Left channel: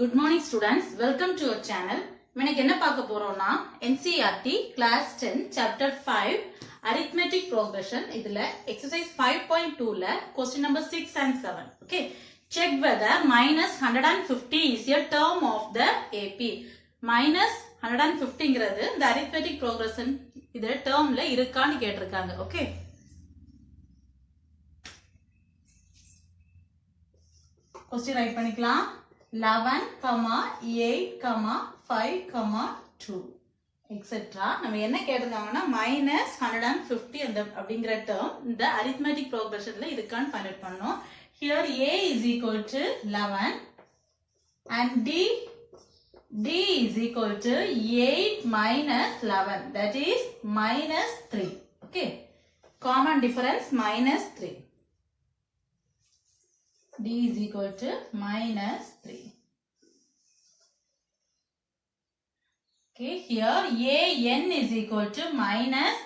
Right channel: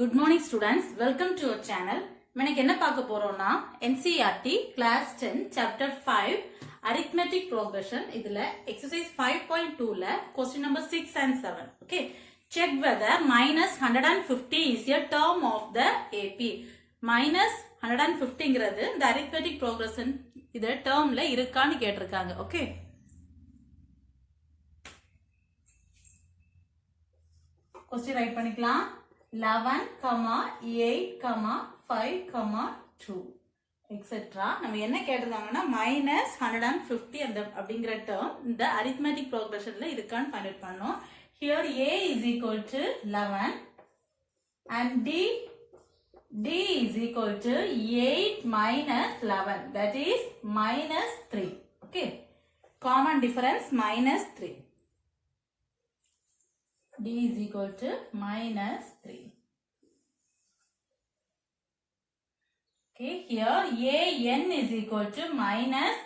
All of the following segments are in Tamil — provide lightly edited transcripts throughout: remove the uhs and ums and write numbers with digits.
Good morning students, welcome to our channel. இன்னைக்கு என்ன பார்க்க போறோம்னா NCERT class 10 chapter 5 arithmetic progression இதுல exercise 5.2 ல question number 6 and 7. Okay, check whether minus 150 is a term of the AP. Minus 150ங்கிறது இந்த arithmetic progression இது termல இருக்கான்னு கேட்டிருக்காங்க. Okay. Question write பண்ணிக்கலாம். 11, 8, 5, 2 etc. நம்ம என்ன கேட்டிருக்காங்கன்னா minus 150 அப்படிங்கிற term இந்த arithmetic progressionல இருக்கான்னு find out பண்ணோம். Here A is equal to 11 and D is equal to 8 minus 11, that is minus 3. Okay, common difference minus 3. D is equal to minus 3. Okay, here AN is equal to minus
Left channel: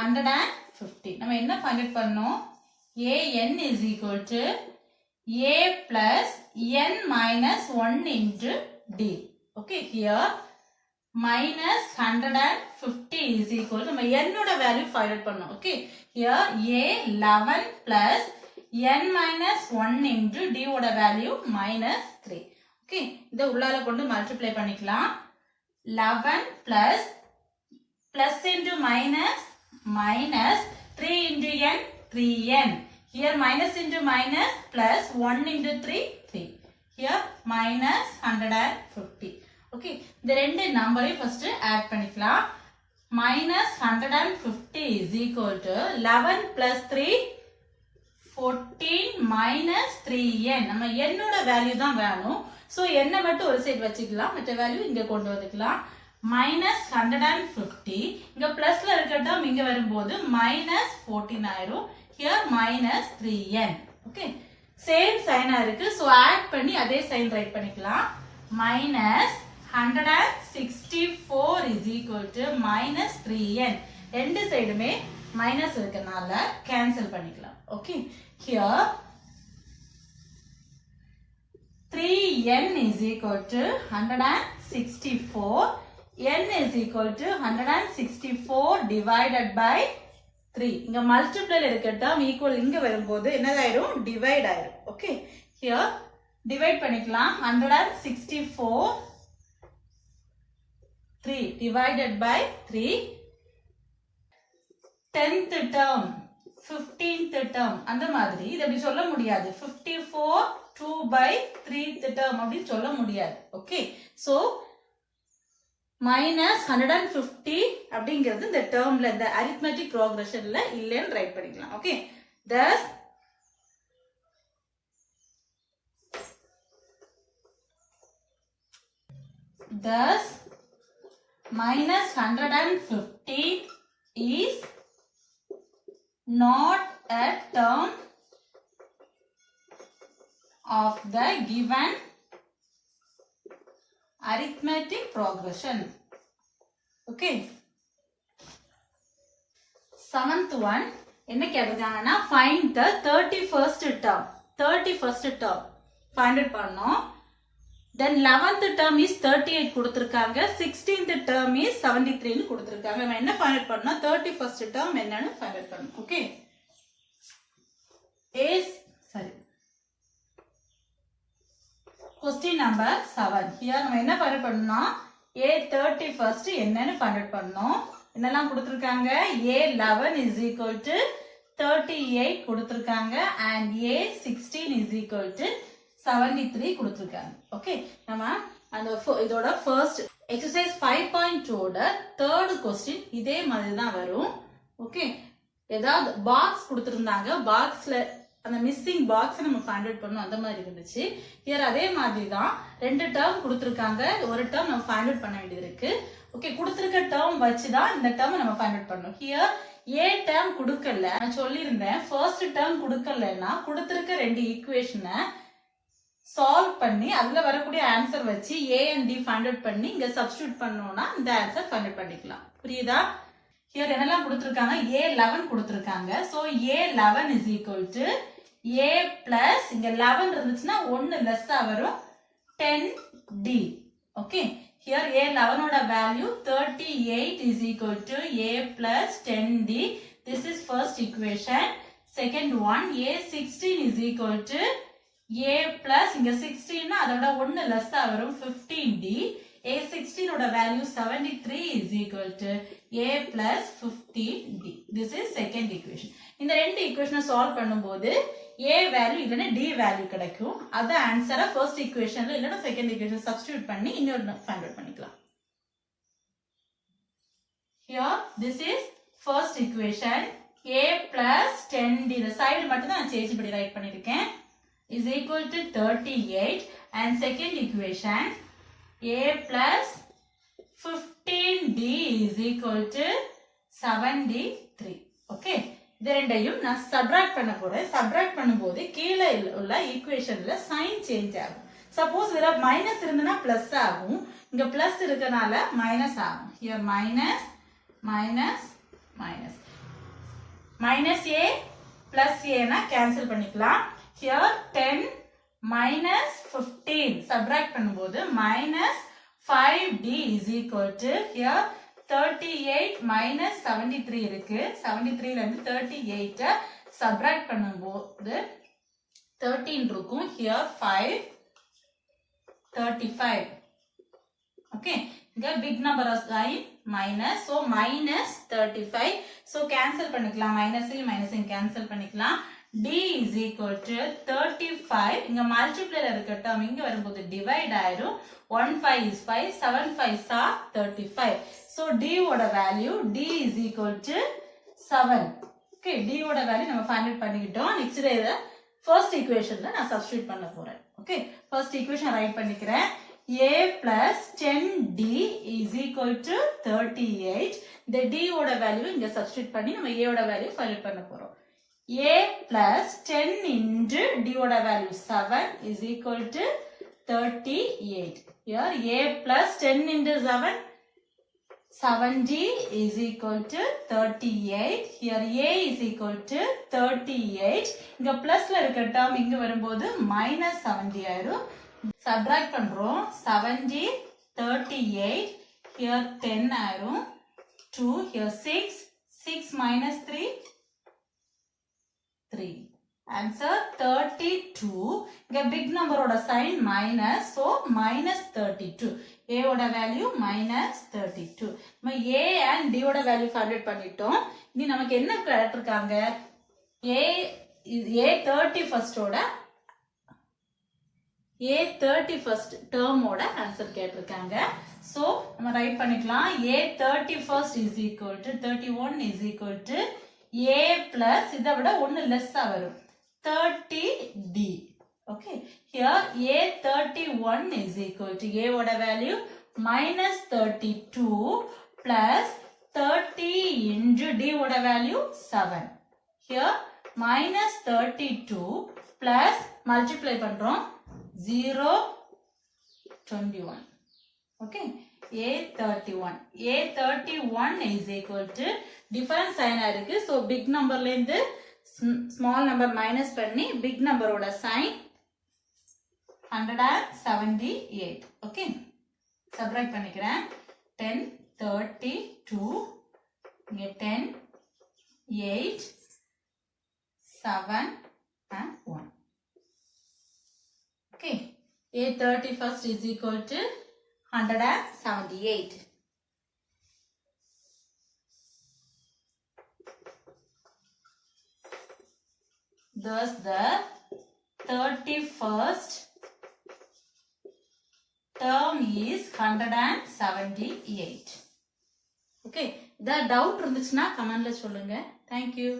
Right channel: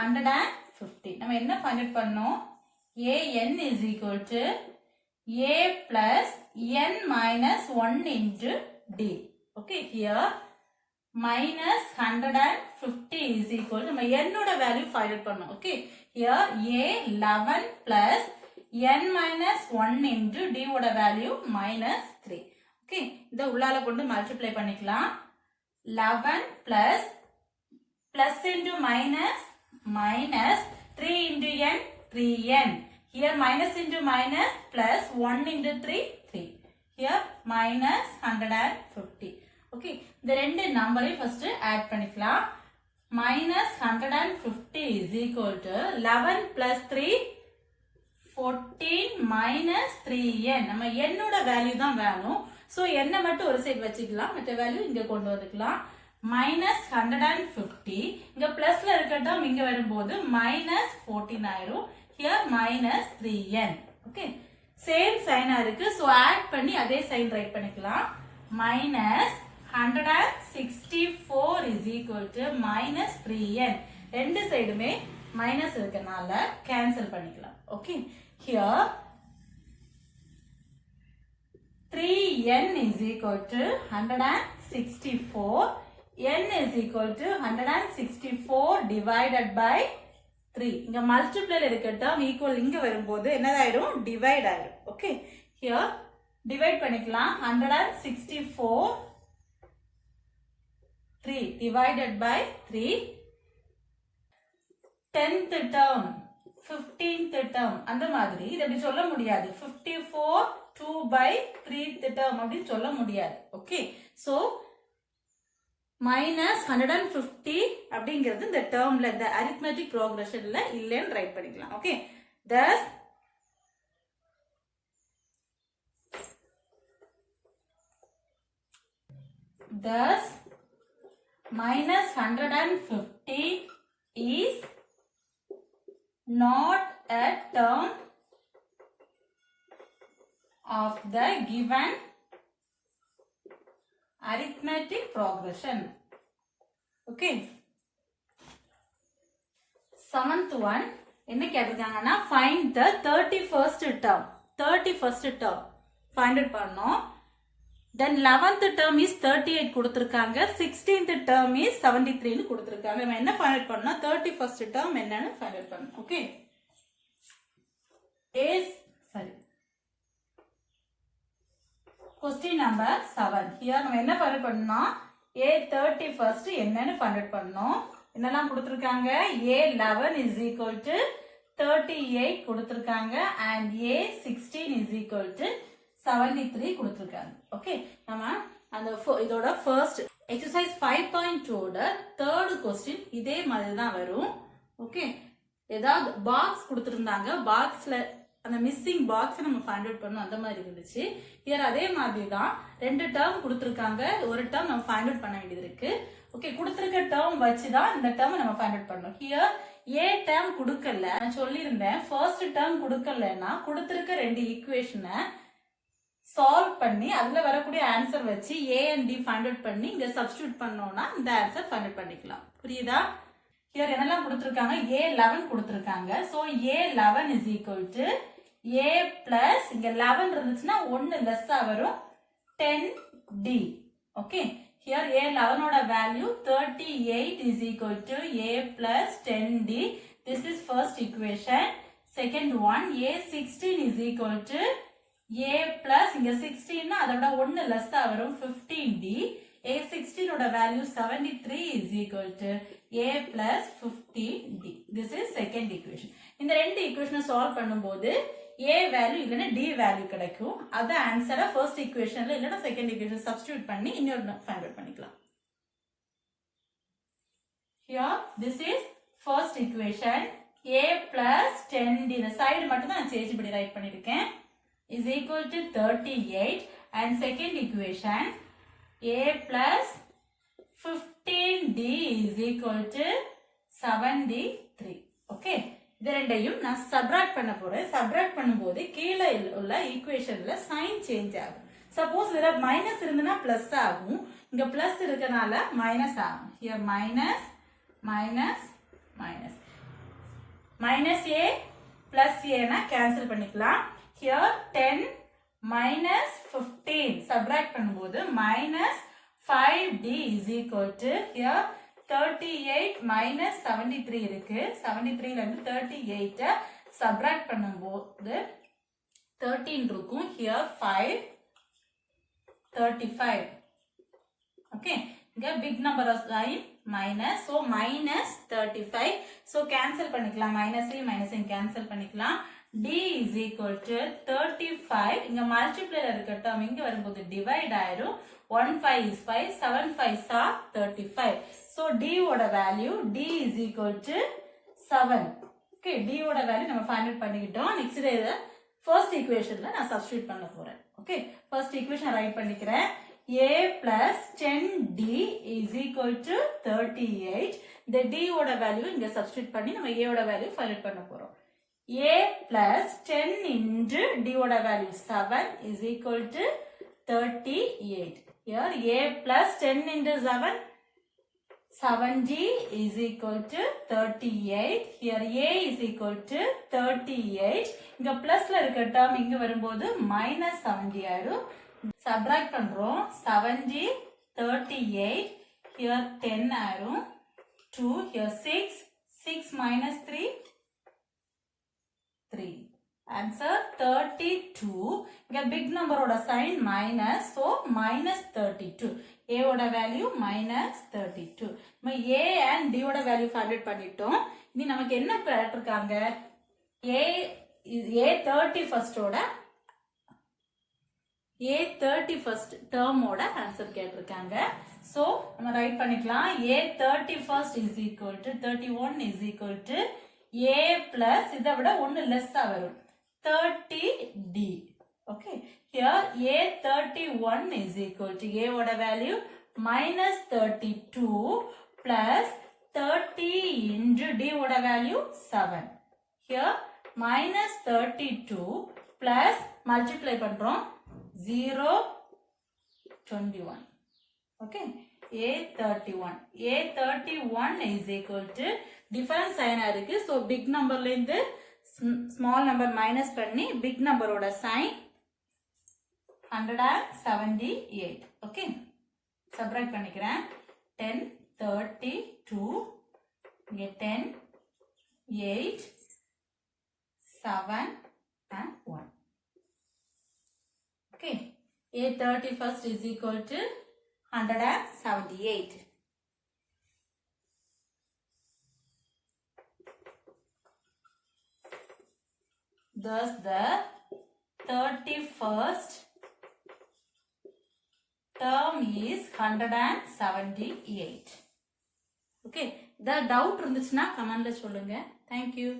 150. நம்ம என்ன find out பண்ணோம்? AN is equal to A plus N minus 1 into D. Okay, here minus 150 is equal to நம்ம N ஓட value find out பண்ணோம். Okay, here A 11 plus n minus 1 into d ஓட value minus 3. Okay, இதை உள்ளால கொண்டு multiply பண்ணிக்கலாம். 11 plus plus into minus minus 3 into n 3n. Here minus into minus plus 1 into 3 3. Here minus 150. Okay, இந்த ரெண்டு நம்பரையும் first add பண்ணிக்கலாம். Minus 150 is equal to 11 plus 3 14 minus 3n. நம்ம n ஓட வேல்யூ தான் வேணும். சோ n மட்டும் ஒரு சைடு வச்சுக்கலாம், மற்ற வேல்யூ இங்க கொண்டு வந்துக்கலாம். minus 150 இங்க பிளஸ்ல இருக்க டேர்ம் இங்க வரும்போது minus 14 ஆயிடும். here minus 3n. Okay, same China இருக்கு. சோ ஆட் பண்ணி அதே சைன் ரைட் பண்ணிக்கலாம். minus 164 is equal to minus 3n. ரெண்டு சைடுமே மைனஸ் இருக்கனால கேன்சல் பண்ணிக்கலாம். Okay, here 3n is equal to 164. n is equal to 164 divided by 3. இங்க மல்டிப்ளைல இருக்க டேர்ம் ஈக்குவல் இங்க வரும்போது என்னதாயிரும்? டிவைட் ஆயிரும். Okay, here டிவைட் பண்ணிக்கலாம். 164 3 divided by 3. 10th term 15th term அந்த மாதிரி இத அப்படி சொல்ல முடியாது. 54 2 by 3th term அப்படி சொல்ல முடியாது. ஓகே, சோ minus 150 அப்படிங்கிறது இந்த டேர்ம்ல இந்த arithmetic progressionல இல்லன்னு ரைட் பண்ணிக்கலாம். Okay, thus minus 150 is not a term of the given arithmetic progression. Okay, seventh one என்ன கேட்டிருக்காங்கன்னா find the 31st term. 31st term find out பண்ணோம். then 11th term is 38 கொடுத்திருக்காங்க. 16th term is 73 னு கொடுத்திருக்காங்க. நம்ம என்ன find out பண்ணோம்? 31st term என்னன்னு find out பண்ணோம். Okay, question number 7. here நம்ம என்ன find out பண்ணோம்? a 31st என்னன்னு find out பண்ணோம். என்னெல்லாம் கொடுத்திருக்காங்க? a11 is equal to 38 கொடுத்திருக்காங்க and a16 is equal to 73 கொடுத்திருக்காங்க. ஓகே, நம்ம அந்த இதோட ஃபர்ஸ்ட் எக்ஸர்சைஸ் 5.2 ஓட தேர்ட் क्वेश्चन இதே மாதிரி தான் வரும். ஓகே, ஏதாவது பாக்ஸ் கொடுத்திருந்தாங்க, பாக்ஸ்ல அந்த மிஸ்ஸிங் பாக்ஸ் நம்ம ஃபைண்ட் அவுட் பண்ணோம், அந்த மாதிரி இருந்துச்சு. ஹியர் அதே மாதிரி தான் ரெண்டு டேர்ம் கொடுத்திருக்காங்க, ஒரு டேர்ம் நம்ம ஃபைண்ட் அவுட் பண்ண வேண்டியது இருக்கு. ஓகே, கொடுத்திருக்க டேர்ம் வச்சு தான் இந்த டேர்ம் நம்ம ஃபைண்ட் அவுட் பண்ணோம். ஹியர் ஏ டேர்ம் கொடுக்கல, நான் சொல்லியிருந்தேன் ஃபர்ஸ்ட் டேர்ம் கொடுக்கலன்னா கொடுத்திருக்க ரெண்டு ஈக்குவேஷனை சால்வ் பண்ணி அதுல வரக்கூடிய ஆன்சர் வச்சு a and d find out பண்ணி இங்க சப்ஸ்டிட்யூட் பண்ணோம்னா இந்த ஆன்சர் ஃபைண்ட் அவுட் பண்ணிக்கலாம். புரியுதா? ஹியர் என்னெல்லாம் கொடுத்திருக்காங்க? a11 கொடுத்திருக்காங்க. So a11 is equal to a plus இங்க 11 இருந்துச்சுன்னா 1 லெஸ்ஸா வரும் 10 D. Okay. Here A11 oda value 38 is equal to A plus 10D. This is first equation. Second one, A16 is equal to A plus, inga 16 na adoda 1 less da varum 15D. A16 oda value 73 is equal to A plus 15D. This is second equation. இந்த ரெண்டு equation solve பண்ணும்போது A value இல்லனா D value கிடைக்கும். அத ஆன்சரை first equationல இல்லனா second equation substitute பண்ணி இன்னொரு find out பண்ணிக்கலாம். Here this is first equation. A plus 10D. இந்த side மட்டும் தான் change பண்ணி write பண்ணிருக்கேன். Is equal to 38 and second equation A plus 15D is equal to 73. Okay. இது ரெண்டையும் நான் சப்ட்ராக்ட் பண்ண போறேன். சப்ட்ராக்ட் பண்ணும்போது கீழே உள்ள ஈக்குவேஷன்ல சைன் சேஞ்ச் ஆகும். சப்போஸ் இதுல மைனஸ் இருந்தனா பிளஸ் ஆகும். இங்க பிளஸ் இருக்கனால மைனஸ் ஆகும். Here minus minus minus minus a plus a னா கேன்சல் பண்ணிக்கலாம். ஹியர் 10 minus 15 சப்ட்ராக்ட் பண்ணும்போது minus 5d is equal to here 38 minus 73 இருக்கு. 73 ல இருந்து 38 சப்ட்ராக்ட் பண்ணும்போது 13 இருக்கும். here 5 35. okay, இங்க big number sign minus, so minus 35. so cancel பண்ணிக்கலாம். minus cancel பண்ணிக்கலாம். D is equal to 35. இங்க multiply ல இருக்க term இங்க வரும்போது divide ஆயிரும். 1 5 is 5, 7 5s are 35. So D ஓட value D is equal to 7. Okay, D ஓட value நம்ம find out பண்ணிக்கிட்டோம். next இத first equationல நான் substitute பண்ண போறேன். Okay, first equation write பண்ணிக்கிறேன். A plus 10D is equal to 38. இந்த D ஓட value இங்க substitute பண்ணி நம்ம A ஓட value find out பண்ண போறோம். A plus 10 into D oda value 7 is equal to 38. Here A plus 10 into 7, 70 is equal to 38. Here A is equal to 38. இங்க பிளஸ்ல இருக்க term இங்க வரும்போது minus 70 ஆயிரும். Subtract பண்றோம். 70, 38. Here 10 ஆயிரும். 2. Here 6. 6 minus 3. 3. Answer 32. இங்க big number ஓட sign minus, so minus 32. A ஓட value minus 32. நம்ம A and D ஓட value find out பண்ணிட்டோம். இனி நமக்கு என்ன கேட்டிருக்காங்க? A 31st ஓட A 31st term ஓட ஆன்சர் கேட்டிருக்காங்க. so நம்ம ரைட் பண்ணிக்கலாம். A 31st is equal to 31 is equal to A plus இதை விட ஒன்னு லெஸ் வரும் 30D. okay, here A 31 is equal to A ஓட value minus 32 plus 30 into D ஓட value 7. here minus 32 plus multiply பண்றோம் 0 21. okay, A31. A31 is equal to different sign இருக்கு. so big number ல இருந்து small number minus பண்ணி big number ஓட sign 178. okay, subtract பண்ணிக்கிறேன். 10 32 இங்க 10 8 7 and 1. okay, A31st is equal to 178. thus the 31st term is 178. okay, the doubt இருந்துச்சுன்னா கமெண்ட்ல சொல்லுங்க. thank you.